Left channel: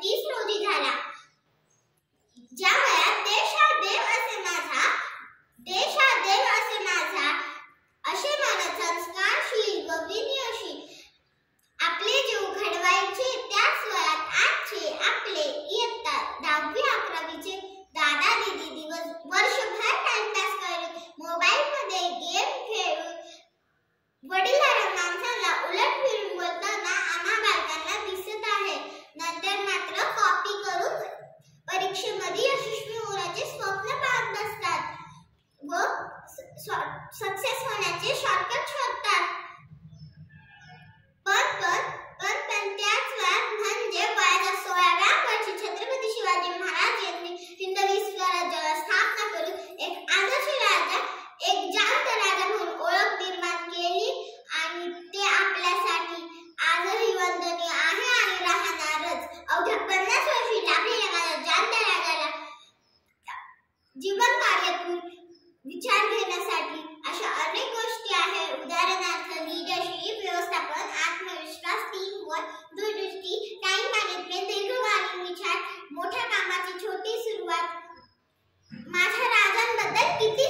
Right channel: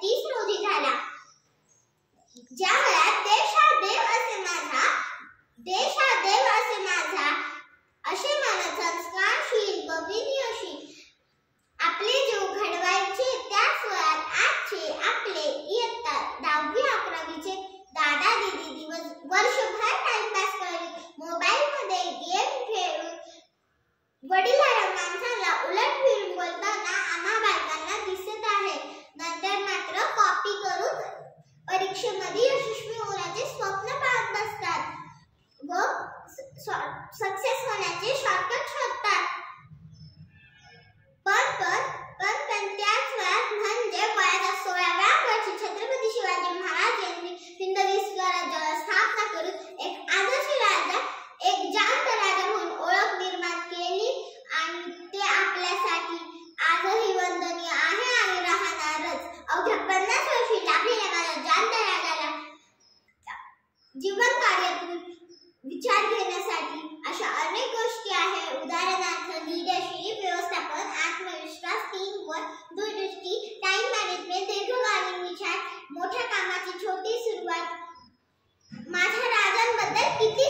2030 रोजी झाला. ज्या वयात देश हा देव असे माझा असे म्हणत संस्कारशील व विनयशील आपले जीव घडवायचे, त्याच वयात आजचे आपले इयत्ता 10वी 11वीचे दादा दीदी दिवस वर्षभर टाइमपास करत मोबाईल मध्ये गेम खेळून वडिलांना आमच्याला उलट फिरून बोलताना आम्हा बालकांना दिसत आहे. नंतर मात्र कॉपी करून परीक्षेमध्ये यशस्वी होण्याचे स्वप्न पाहत असतात व सक्सेस होण्याचे शॉर्टकट शोधतात. पण त्याच वयात म्हणजे वयाच्या 16व्या वर्षी छत्रपती शिवाजी महाराज यांनी हिंदवी स्वराज्याला स्थापना करून एक आदर्श राजा, एक जास्त राजा म्हणून ओळख निर्माण केली आणि ते आपल्यासाठी आजही वंदनीय आहे आणि राहणारच. अवघ्या 50 वर्षी लागलेल्या माझ्या जाणत्या राजाला जीवन कार्यातून विचार घेण्यासाठी अशा अनेक गोष्टी आहेत. उदाहरणार्थ लीडरशिप, व्यवस्थापन, आत्मविश्वास, टीमवर्क, दूरदृष्टी, टाइम मॅनेजमेंट, दीर्घकालीन विचार, मोठ्या कामाची छोटी सुरुवात. माझ्या राजांबद्दल किती